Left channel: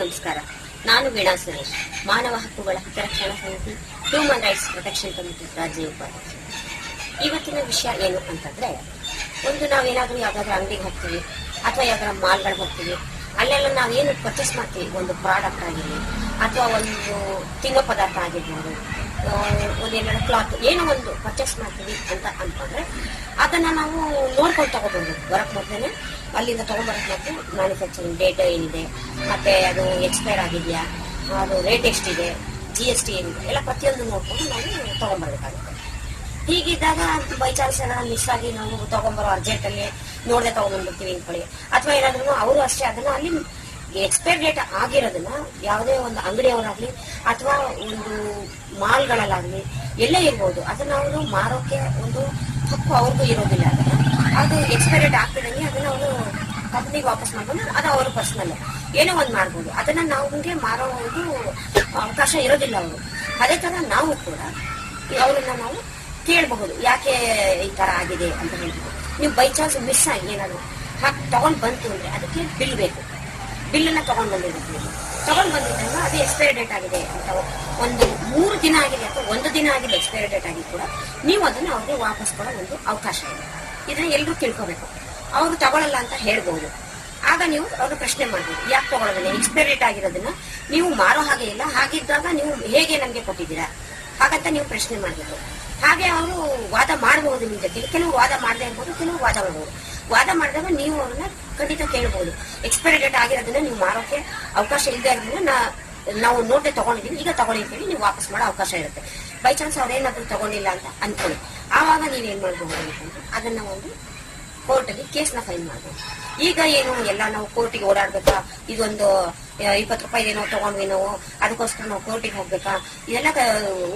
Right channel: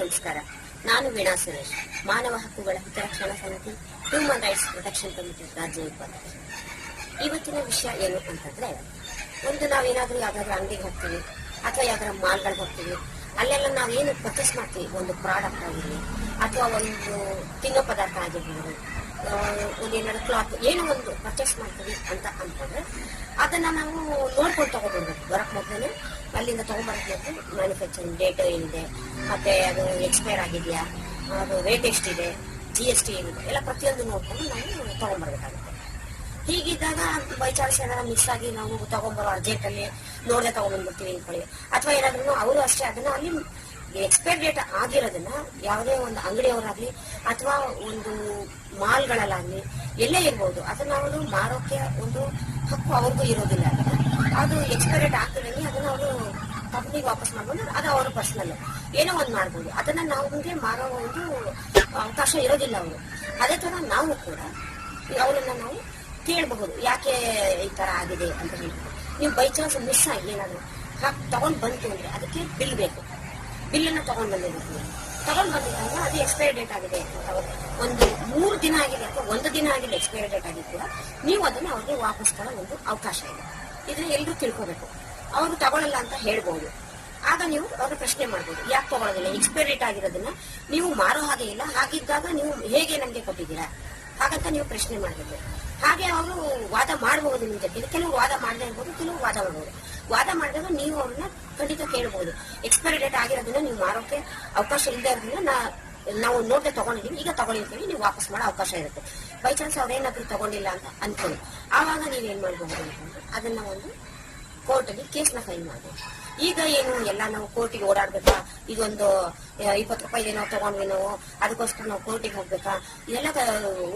ನಮಸ್ಕಾರ. ನಾನು ವೀಣಾ ಸುರೇಶ್, ಮಾನವ ಹಕ್ಕುಗಳ ಹಿತರಕ್ಷಣಾ ಸಮಿತಿ ಹ್ಯೂಮನ್ ರೈಟ್ಸ್ ಪ್ರೊಟೆಕ್ಷನ್ ಕಮಿಟಿ ರಾಜ್ಯ ಉಪಾಧ್ಯಕ್ಷ. ಇವತ್ತಿನ ವಿಷಯ ಏನು ಅಂತಂದ್ರೆ, ಒಂದು ನಾವೇನಾದ್ರೂ ಯಾವ್ದಾದ್ರು ಅಂಗಡಿಗೆ ಹೋಗ್ತೀವಿ ಅಥವಾ ಯಾವ್ದಾರ ಮಾಲ್ಗಳಿಗೆ ಹೋಗ್ತೀವಿ, ಅಲ್ಲೆಲ್ಲ ನಾವೇನು ಪರ್ಚೇಸ್ ಮಾಡ್ತೀವಿ, ಒಂದು ಪ್ರಾಡಕ್ಟ್ ಆಗಿರಲಿ ಅಥವಾ ಒಂದು ತಿನ್ನೋ ಪದಾರ್ಥ ಆಗಿರ್ಬೋದು, ಒಂದೆರಡು ಕ್ಲಾತ್ ಏನೋ ಒಂದು ಪರ್ಚೇಸ್ ಮಾಡ್ತೀವಿ ಅಂತ ಅನ್ಕೊಂಡ್ರೆ ಅದನ್ನ ನಾವು ನೋಡ್ಕೊಂಡು ತಗೊಬರ್ಬೇಕು. ಬರಕ್ ಮೊದಲೇ ಅಲ್ಲಿಂದ ತಗೊಂಡ್ಬರಕ್ ಮತ್ತೆ ಮ್ಯಾನುಫ್ಯಾಕ್ಚರಿಂಗ್ ಡೇಟ್ ಏನಿದೆ, ಮತ್ತೆ ಅದು ಎಕ್ಸ್ಪೈರ್ ಆಗಿದೆಯಾ, ಅದು ರೇಟ್ ಎಷ್ಟಿದೆ, GST ಏನಿದೆ ಎಲ್ಲ ಪ್ರತಿಯೊಂದು ನೋಡ್ಕೊಂಡು ನಾವು ತಗೊಂಡ್ಬರ್ಬೇಕಾಗುತ್ತೆ. ಹೀಗಿದ್ದಾಗ ಬೈ ಚಾನ್ಸ್ ಏನಾದ್ರು ಮಿಸ್ ಆಗಿ ನಾವು ತಗೊಂಡ್ಬರೋ ಅರ್ಜೆಂಟಲ್ಲಿ ನೋಡದೆ ತಗೊಂಡ್ಬಂದ್ಬಿಡ್ತೀವಿ ಅನ್ಕೊಳ್ಳಿ, ಅಥವಾ ಏನಾದ್ರೂ ಅವರು ಅಷ್ಟೇ ಅದನ್ನ ಅಲ್ಲಿ ಎಕ್ಸ್ಪೈರ್ ಡೇಟ್ ಆಗಿರೋದನ್ನ ಯಾವುದೇ ಒಂದು ಅಂಗಡಿಯವರಾಗ್ಲಿ ಅಥವಾ ಒಂದು ಮಾಲ್ಗಳಲ್ಲಾಗ್ಲಿ ಎಲ್ಲೇ ಇರ್ಬೋದು, ಅದನ್ನ ಅವರು ಮಾರೋಕೆ ಒಂದು ಹಕ್ಕು ಅವ್ರಿಗೂ ಇರೋದಿಲ್ಲ. ಅದು ಎಕ್ಸ್ಪೈರ್ ಡೇಟ್ ಆಗ್ತಿದಂಗೆ ಅದನ್ನ ಅವರು ಕಂಪ್ನಿಗೆ ವಾಪಸ್ ಮಾಡ್ಕೊಂಡು ಅದು ಅವ್ರ ಪರ್ಸನಲ್ ಏನೋ ಒಂದು ಮಾಡ್ಬೋದು. ಅದನ್ನ ನಮಗೆ ಮಾರೋ ಒಂದು ಅವಕಾಶ ಇರೋದಿಲ್ಲ ಅವರು. ಅದೇ ತರ ನಾವು ಕೂಡ ಅವ್ರನ್ನ ನಾವು ಕೇಳಬಹುದು, ಯಾಕೆ ಈ ತರ ಆಗಿದೆ ಅಂತ ಹೇಳ್ಬೋದು. ನೀವು ಬೈ ಚಾನ್ಸ್ ಮಿಸ್ ಆಗಿ ಏನಾದ್ರು ತಗೊಂಡ್ ಬಂತು ಅಂದ್ರೆ ಅದಕ್ಕೆ ಬಿಲ್ ಬೇಕು. ಬಿಲ್ಲನ್ನ ತಗೊಂಡ್ ಬಂದಿರ್ತೀವಿ, ತಗೊಂಡ್ ಬಂದಿದ್ದಾಗ ಅದು ಎಕ್ಸ್ಪೈರಿ ಡೇಟ್ ಆಗಿದೆ ಅಂತ ಒಂದು 3 ದಿನ ಆಗಿದೆ ಅಥವಾ 1 ದಿನ ಆಗಿದೆ ಎಕ್ಸ್ಪೈರಿ ಡೇಟ್ ಆಗಿ ಕೂಡ ನೀವು ಅದನ್ನ ಅವ್ರಿಗೆ ವಾಪಸ್ ಕೊಡೋ ಒಂದು ಅವಕಾಶ ಇದೆ. ಇದನ್ನ ಎಲ್ಲರೂ ತಿಳ್ಕೋಬೇಕು. ಅವರು ತಗೊಳ್ಳಲ್ಲ ಅಂತ ಹೇಳ್ಬೋದು. ಆಗ ನೀವು ಅವ್ರು ಪ್ರಶ್ನೆ ಮಾಡ್ಬೇಕು, ಯಾಕೆ ತಗೊಳ್ಳೋದಿಲ್ಲ, ಎಕ್ಸ್ಪೈರಿ ಡೇಟ್ ಆಗಿರೋದನ್ನ ನೀವು ಮಾರೋ ಹಾಗೆ ಇಲ್ಲ, ಹಾಗಿದ್ದಾಗ ನೀವು ಹೇಗೆ ನಮ್ಗೆ ಕೊಟ್ಟಿದ್ದೀರಾ ಹಾಗಂತ ನೀವು ಪ್ರಶ್ನೆ ಮಾಡಬೇಕು. ಹಾಗೆ ಅವರು ವಾದ ಮಾಡಬಹುದು. ನಿಮ್ ಜೊತೆ ಕೆಲವು ವಾದ ಮಾಡದೇ ಇರ್ಬೋದು, ಕೆಲವು ವಾದ ಮಾಡಬಹುದು. ವಾದ ಮಾಡಿದಾಗ ನೀವು ಅವ್ರನ್ನ ಖಂಡಿತ ಕೇಳಬಹುದು, ಎಕ್ಸ್ಪೈರಿ ಡೇಟ್ ಆಗಿರೋದನ್ನ ನೀವು ಮಾರೋಕೆ ಅವಕಾಶ ಇಲ್ಲದೆ ಇರೋದನ್ನ ನಾವು ನೋಡದೆ ತಗೊಂಡಿದ್ದೀವಿ, ಈಗ ತಗೊಳ್ಳಿ ಅಂತ ಹೇಳಿ ನೀವು ವಾಪಸ್ ಮಾಡೋ ಅವಕಾಶ ಇರುತ್ತೆ. ಬೈ ಚಾನ್ಸ್ ಅವ್ರೇನಾದ್ರೂ ತಗೊಂಡಿಲ್ಲ ಅಂತ ಅನ್ಕೊಳ್ಳಿ, ಆವಾಗ ನೀವೇನ್ ಮಾಡ್ಬೋದು ಅಂತಂದ್ರೆ ಅದನ್ನ ಒಂದು ಕೋರ್ಟಲ್ಲಿ ಕೇಸ್ನ ಫೈಲ್ ಮಾಡ್ಬೋದು. ಈಗ ಏನು ಎಲ್ಲ ನಾವು ಕೋರ್ಟಿಗೆ ಓಡಾಡ್ಬೇಕಾ, ಇದೊಂದು 20 ರೂಪಾಯಿ ಏನೋ ತಗೊಂಡ್ವಿ ನಾವು, ಅದಕ್ಕೋಸ್ಕರ ನಾವು ಕೋರ್ಟಿಗೆ ಹೋಗ್ಬೇಕಾ, ಇದೆಲ್ಲ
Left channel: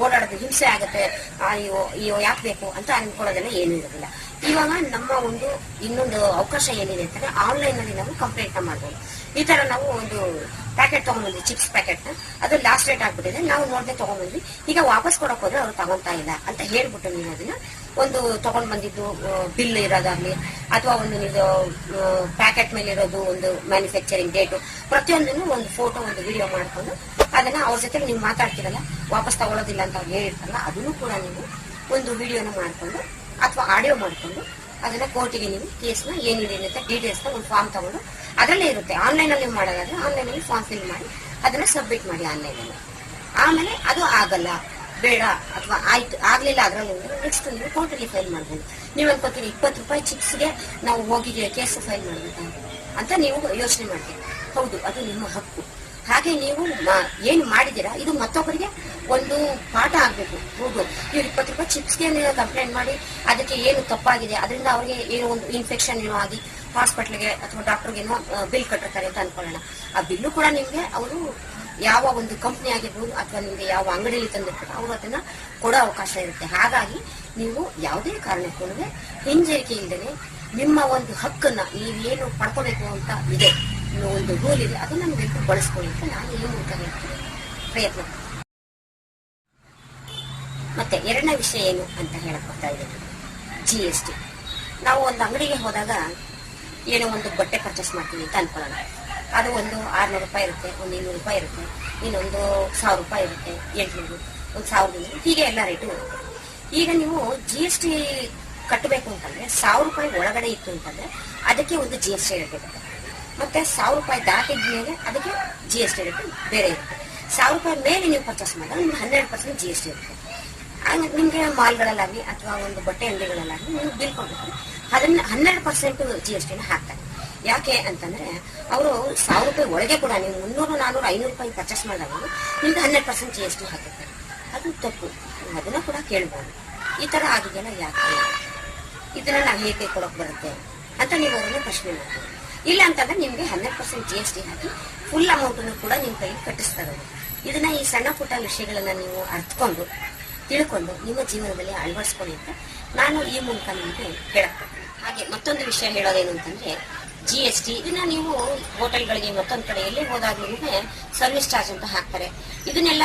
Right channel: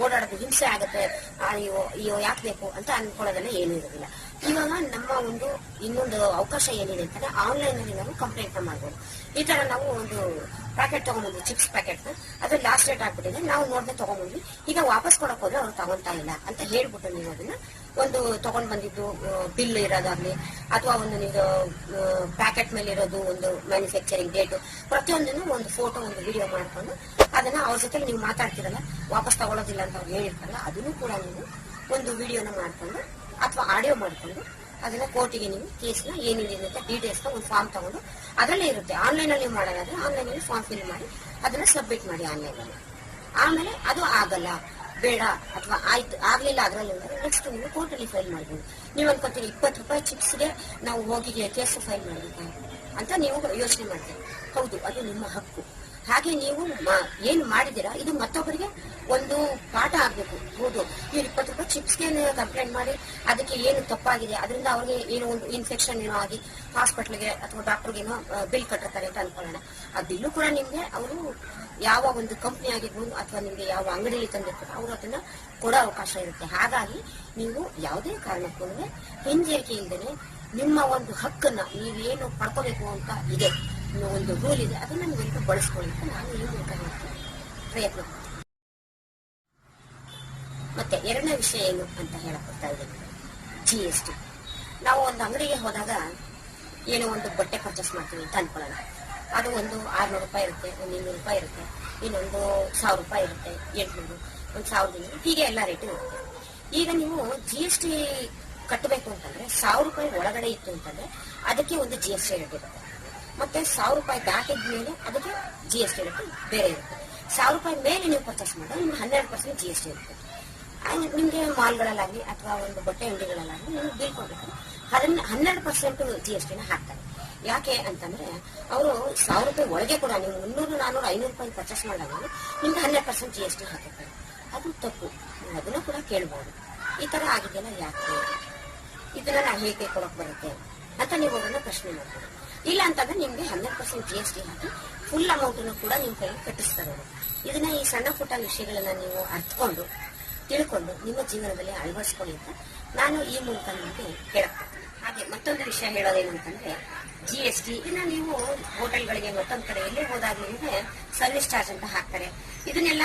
ಓಡಾಡೋದು ಹಿಂಸೆ ಆಗುತ್ತೆ, ಅಯ್ಯೋ ಯಾಕೆ ಬೇಕು ಅಂತ ಅನ್ಕೊಳ್ಳೋದೆಲ್ಲ ಏನೂ ಇರೋದಿಲ್ಲ. ಇವಾಗ ನಮ್ಮ ಒಂದು ಇನ್ನೊಂದು ಅವಕಾಶ ಏನಿದೆ ಅಂತಂದ್ರೆ ಆನ್ಲೈನ್ ಅಲ್ಲಿ ನಾವು ಕಂಪ್ಲೇಂಟ್ ಮಾಡ್ಬೋದು. ಈ ತರ ನಾವು ಒಂದು ಪ್ಯಾಕೆಟ್ ತಗೊಂಡ್ಬಂದ್ವಿ, ಚಿಪ್ಸ್ ಪ್ಯಾಕೆಟ್ ನ, ಅದು ಲಾಸ್ಟ್ ಡೇಟ್ ಆಗ್ಬಿಟ್ಟಿದೆ, ನಾವು ನೋಡದೆ ತಗೊಂಡ್ಬಂದ್ವಿ, ಈಗ ವಾಪಸ್ ಕೊಡಕ್ ಹೋದ್ರೆ ಅವ್ರು ತಗೊಂತಾ ಇಲ್ಲ ಅಂತ ಹೇಳ್ಬಿಟ್ಟು ನೀವು ಅದನ್ನ ಒಂದು ತಗೊಂಡ್ ಬಂದಿದ್ದು ಬಿಲ್ ಇರೋದಾಗ್ಲಿ ಅಥವಾ ಒಂದು ಪ್ಯಾಕೆಟ್ ಮೇಲೆ ಇರೋದು ಒಂದು ಮ್ಯಾನುಫ್ಯಾಕ್ಚರಿಂಗ್ ಡೇಟು ಪ್ರತಿಯೊಂದನ್ನು ಒಂದು ಫೋಟೋ ಒಂದು ವಿಡಿಯೋ ಮಾಡ್ಕೊಂಡು ಅದನ್ನ ಅವ್ರ ಜೊತೆ ನೀವು ಮಾತಾಡ್ತಿರಲ್ಲ, ವಾಪಸ್ ತಗೊಳ್ಳೋದಿಲ್ಲ ಅಂತ ಅವ್ರು ಹೇಳಿರ್ತಾರಲ್ಲ, ಅದನ್ನು ಕೂಡ ನೀವು ಒಂದು ವಿಡಿಯೋನ ಮಾಡ್ಕೊಂಡು ಅಥವಾ ಆಡಿಯೋ ಮಾಡ್ಕೊಂಡು ಅದನ್ನ ಕೋರ್ಟಿಗೆ ನೀವು ಕೇಸ್ನ ಏನಿದೆ ಅಂತ ಡೀಟೇಲ್ಸ್ನ ಒಂದು ಫಾರ್ಮ್ ತಗೊಂಡು ಅದರಲ್ಲೇ ಇರುತ್ತೆ. ಆನ್ಲೈನ್ ಅಲ್ಲಿ ಮಾಡೋದಾದ್ರೆ ಆನ್ಲೈನ್ ಅಲ್ಲಿ ಫಾರ್ಮ್ ಫಿಲ್ ಮಾಡಿ ಅದನ್ನ ಸಬ್ಮಿಟ್ ಮಾಡಿ ಆನ್ಲೈನ್ ಅಲ್ಲಿ. ಆಮೇಲೆ ಅದು ಆಗಲ್ಲ, ಬೇಡ ಅಥವಾ ಆಯ್ತು ಆಗ್ಲಿಲ್ಲ ಅದರಲ್ಲಿ ನೆಕ್ಸ್ಟ್ ನೀವು ಕೋರ್ಟಲ್ಲಿ ಫೈಲ್ ಮಾಡ್ಬೋದು. ನೀವು ಅನ್ಕೋತೀರಿ 20 ರೂಪಾಯಿ ಚಿಪ್ಸ್ಗೆ ನಾವು ಹೋಗಿದ್ದೀವಿ ಕೇಸ್ ಫೈಲ್ ಮಾಡ್ಬೇಕು ಅಂತ ನೀವು ಯೋಚನೆ ಮಾಡ್ತೀವಿ. ಹೌದು, ಅದು ನಿಮ್ಮ ಹಕ್ಕು. ಹಾಗೆ ನೀವು ಏನ್ ಮಾಡಿದೀರಾ ಇದು ಮತ್ತೊಬ್ಬರಿಗೆ ಒಂದು ಪಾಠ ಆಗ್ಬೇಕು. ಹೌದು, ಇವ್ರು 20 ರೂಪಾಯಿ ಚಿಪ್ಸ್ಗೆ ಕಂಪ್ಲೇಂಟ್ ಮಾಡಿ ಅದಕ್ಕೆ ಏನು ತಪ್ಪಾಗಿದೆ, ಅದರಿಂದ ಅವ್ರಿಗೆ ಏನೋ ಒಂದು ಇನ್ಫೆಕ್ಷನ್ ಏನೋ ಆಗಿ ಹಾಸ್ಪಿಟ್ಲಿಗೆ ಅಥವಾ ಡಾಕ್ಟರ್ಗೇನೋ ಬಿಲ್ ಕಟ್ಟಿರ್ತಾರೆ ಅಂತ ಅನ್ಕೊಳ್ಳೋಣ. ಆ ಬಿಲ್ಲು ಕೂಡ ನಿಮ್ಗೆ ಅವರು ಯಾವ ಒಂದು ಕಂಪ್ನಿ ಆಗಿರ್ಬೋದು ಅಥವಾ ನಿಮ್ಗೆ ಯಾವ ಅಂಗಡಿಯಲ್ಲಿ ತಂದಿರ್ತಾರೆ ಅವರು ಅದನ್ನ ಕೊಡೋ ಅವಕಾಶ ಇರುತ್ತೆ. ಹಾಗಾಗಿ ನೀವು ಯಾವುದೇ ಕಾರಣಕ್ಕೂ ಹಿಂಜರಿಕೆ ಇಲ್ಲದೆ ನಿಮ್ಮ ಒಂದು ಹಕ್ಕನ್ನ ನೀವೇನು ಪಡ್ಕೋಬೇಕು ಅಂತ ಇದೆ, ಒಂದು ರೂಲ್ ಇದೆ, ಅದನ್ನ ನೀವು ಬಳಸ್ಕೊಳ್ಳಿಕ್ಕೆ ನಾನು ಈ ಮೂಲಕ ಹೇಳ್ತೀನಿ, ಪ್ರಯತ್ನ. ಮತ್ತೆ ಎರಡನೇ ವಿಷಯ ಏನು ಅಂತ ಹೇಳಕ್ ಬರ್ತಾ ಇದ್ದೀವಿ, GST. ನಾವು ಒಂದು ಅಂಗಡಿಗೆ ಹೋದಾಗ ಏನೋ ಒಂದು ಬಟ್ಟೆ ಪರ್ಚೇಸ್ ಮಾಡ್ತೀವಿ ಅಂತ ಅನ್ಕೊಳ್ಳೋಣ. ಅದು ಒಂದು 600 ರೂಪಾಯಿ ಇರುತ್ತೆ, ಒಂದು 200 ರೂಪಾಯಿ ಇರುತ್ತೆ, ಇನ್ನೊಂದು 1000 ರೂಪಾಯಿ ಇರುತ್ತೆ, 800, ಒಂದು 1500, ಹೀಗೆ ಎಲ್ಲ ರೇಟು ಇರುತ್ತೆ. ಈಗ ನೀವು GST ಕಟ್ಟಬೇಕು ಅಂತಂದ್ರೆ 1000 ರೂಪಾಯಿ ಒಳಗಡೆ ಇತ್ತು ಅಂತಂದ್ರೆ ಅದಕ್ಕೆ ಒಂದು GST ರೇಟ್ ಇರುತ್ತೆ. ಮತ್ತೆ 1000 ರೂಪಾಯಿ ದಾಟಿದ ಮೇಲೆ ಅದಕ್ಕೆ GST ರೇಟ್ ಬೇರೆ ಇರುತ್ತೆ. 1000 ರೂಪಾಯಿ ಮೇಲೆ ನೀವು ಪರ್ಚೇಸ್ ಮಾಡಿದ್ರೆ ನಿಮ್ಗೆ 12% GST ಇರುತ್ತೆ. ನಿಮ್ಗೆ ಮಾಲ್ಗಳಲ್ಲಾಗಲಿ ಅಥವಾ ಒಂದು ಬಟ್ಟೆ ಅಂಗಡಿಗಳಲ್ಲಾಗಲಿ ನೀವು ಬಿಲ್ ಕೊಟ್ಟಿರ್ತಾರೆ, ಅದನ್ನ 12% GST ಹಾಕ್ತಾರೆ. ಯಾಕೆ ಅಂತಂದ್ರೆ ಅವರು 1000 ರೂಪಾಯಿ ಒಳಗೆ ಕೂಡ ನೀವು 300, 400, 500 ರೂಪಾಯಿ ಪರ್ಚೇಸ್ ಮಾಡಿದಾಗ ನಿಮ್ಗೆ 12% GST ಹಾಕಿರ್ತಾರೆ. ಅದು ತಪ್ಪು, ಅದನ್ನ ಕೂಡ ಕೇಳ್ಬೋದು. ಈ ತರ ಆಗಿದೆಯಲ್ಲ, ಯಾಕೆ ಇದನ್ನ ನಾವು ಹೇಗೆ ಕೊಡಕ್ ಬರುತ್ತೆ ಅಂತ ನೀವು ಅದನ್ನ ಪ್ರಶ್ನೆ ಮಾಡ್ಬೋದು. ಇಲ್ಲ ಅಂತಂದ್ರೆ ನಿಮ್ಗೆ 12% GST ಹಾಕಿ ಫುಲ್ ಅಮೌಂಟ್ ಕೂಡ ನಿಮ್ ಕೈಗೆ ಕಟ್ಟಿಸ್ತಾರೆ. ಇದನ್ನ ಈ ಸಣ್ಣ ಪುಟ್ಟ ವಿಷಯಗಳನ್ನ ನೀವು ಅರ್ಥಕೊಂಡು ತಿಳ್ಕೊಂಡು ನಿಮ್ಮ ಜೀವನದಲ್ಲಿ ಅಳವಡಿಸ್ಕೊಳ್ಳಿ ಅಂತ ನಾನು ಈ ಮೂಲಕ ನಿಮಗೆ ಹೇಳಕ್ಕೆ. ಹಾಗೆ ಮತ್ತೊಂದು ವಿಷಯ ಹೇಳೋದೇನು ಅಂತಂದ್ರೆ GST ಇದನ್ನ ನೀವು ಹೋಟೆಲ್ಗಳಿಗೆ ಮತ್ತೊಂದು ಕಡೆ ಎಲ್ಲಿ ಹೋದಾಗ ನಿಮಗೆ ಸರ್ವಿಸ್ ಚಾರ್ಜ್ ಅಂತ ಹಾಕ್ತಾರೆ. ಇದನ್ನೆಲ್ಲ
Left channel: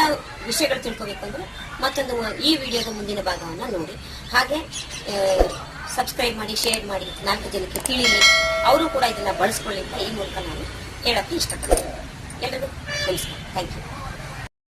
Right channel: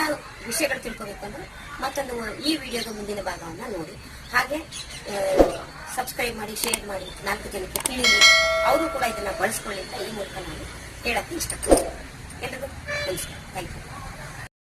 ವಿಷಯಗಳು ತಿಳ್ಕೋಬೇಕಂದ್ರೆ ಮತ್ತೊಂದು ಈ ವಿಡಿಯೋದ ಮುಂದಿನ ಭಾಗವನ್ನ ನೋಡಿ. ಹಾಗೆ ಸಬ್ಸ್ಕ್ರೈಬ್ ಮಾಡಿ, ಶೇರ್ ಮಾಡಿ, 4 ಜನಕ್ಕೆ ತಿಳಿಲಿ, ಅವರು ಕೂಡ ಇದನ್ನ ಬಳಸ್ಕೊಳ್ಳಿ ಅಂತ ಈ ಮೂಲಕ ನಾನು ಹೇಳಕ್ಕೆ ಇಷ್ಟಪಡ್ತೀನಿ. ಎಲ್ಲರಿಗೂ ನಮಸ್ಕಾರ. Thank you.